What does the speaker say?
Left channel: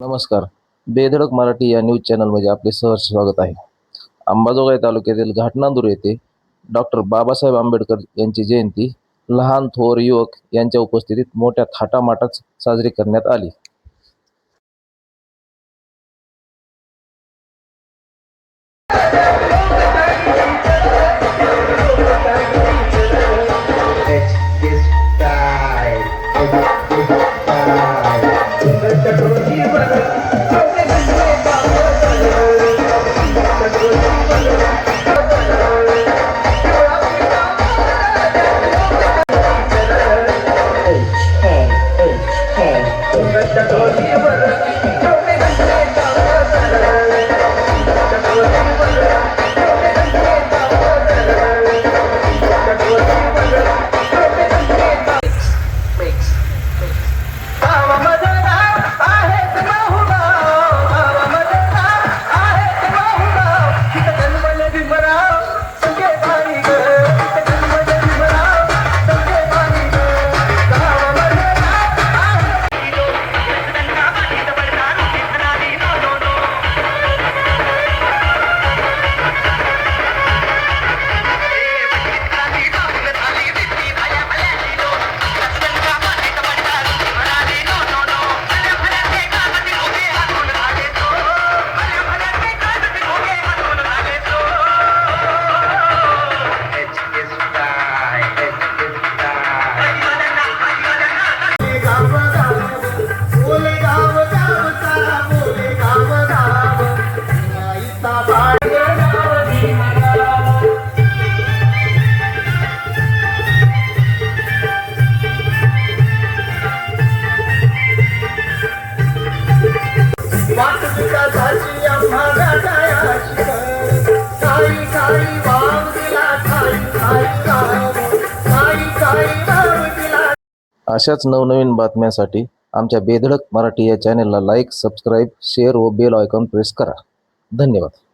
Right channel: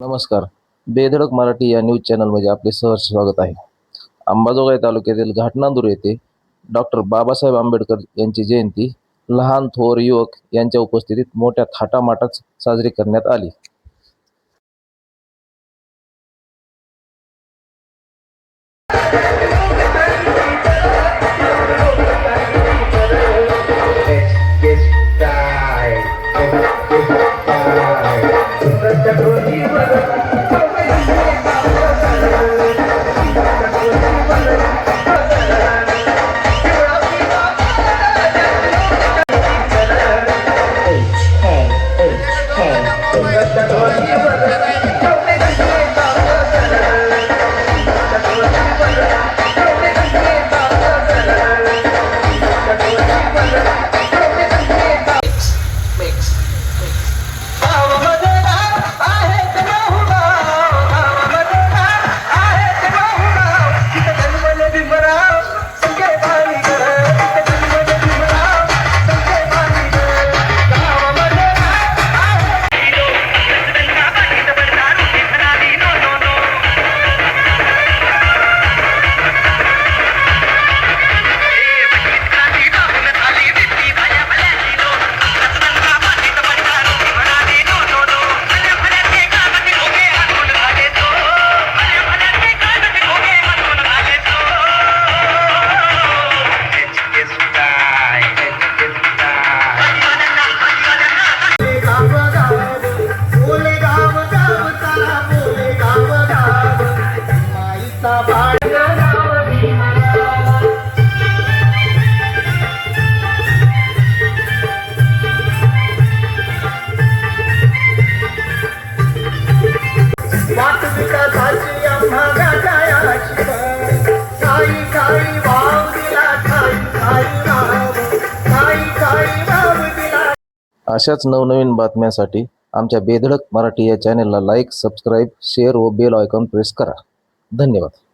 नमस्कार. बेधडक मराठी या न्यूज चॅनलमध्ये आपले सहर्ष स्वागत आहे. अंबाजोगाई तालुक्यातील घाटनांदूर येथे डॉक्टर बाबासाहेब आंबेडकर यांची जयंती लहान थोर युवक यांच्या उपस्थितीत मोठ्या थाटामाटात साजरी करण्यात आली. अशाच नवनवीन बातम्यांसाठी आमच्या बेधडक मराठी या चॅनेलला लाईक, सबस्क्राईब, शेअर व बेल आयकॉन प्रेस करा. धन्यवाद.